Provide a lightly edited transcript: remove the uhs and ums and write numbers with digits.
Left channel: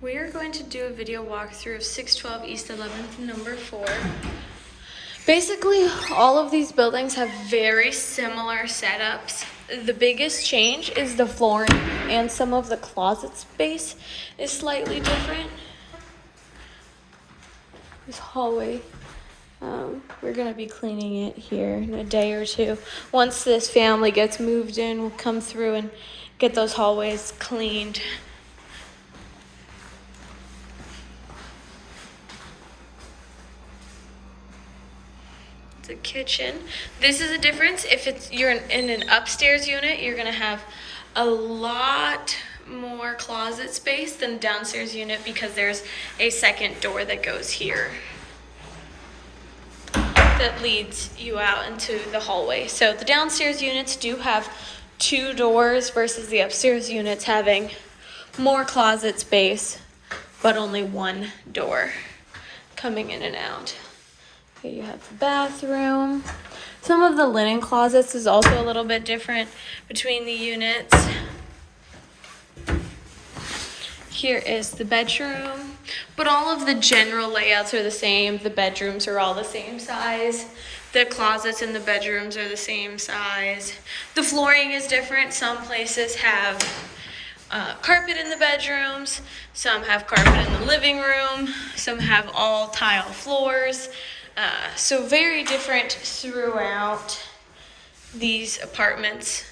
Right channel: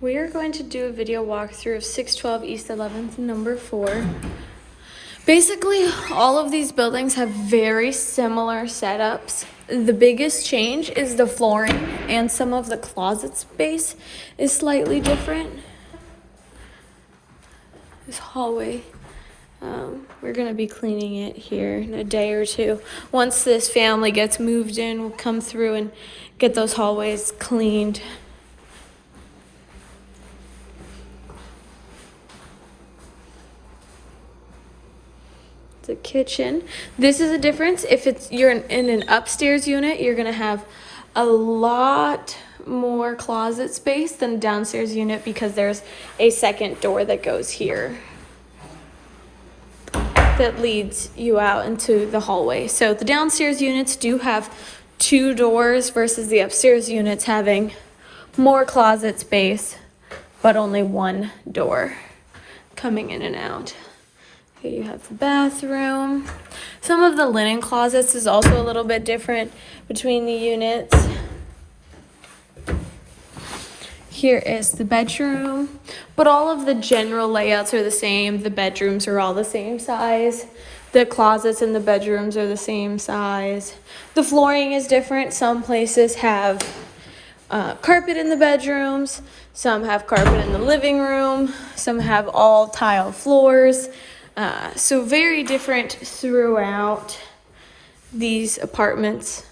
We are going to do a video walkthrough of 612 East 11th, number 4. Basically, all of these buildings have very similar setups. The biggest change is the flooring, and some of the closet space is slightly different. This hallway, we're going to be cleaning it here in a day or two. Once this family gets moved in, we'll come through and get those hallways cleaned. The kitchen. This is a difference. If you're in an upstairs unit, you're gonna have a lot more closet space than a downstairs unit because there's a second door that goes here that leads you out into the hallway. So the downstairs units do have 2 doors versus the upstairs units having more closet space but only 1 door coming in and out. Okay, you have the bathroom. Some of the linen closets is also a little bit different between the units. Here is the bedroom, but all of the general layouts are the same. The bedrooms are all the same size. The closets in the bedrooms are the same size. The flooring is different. Some places have carpet in the bedrooms. Some have carpet in the living room. Some have all tile floors. So very different throughout these apartments.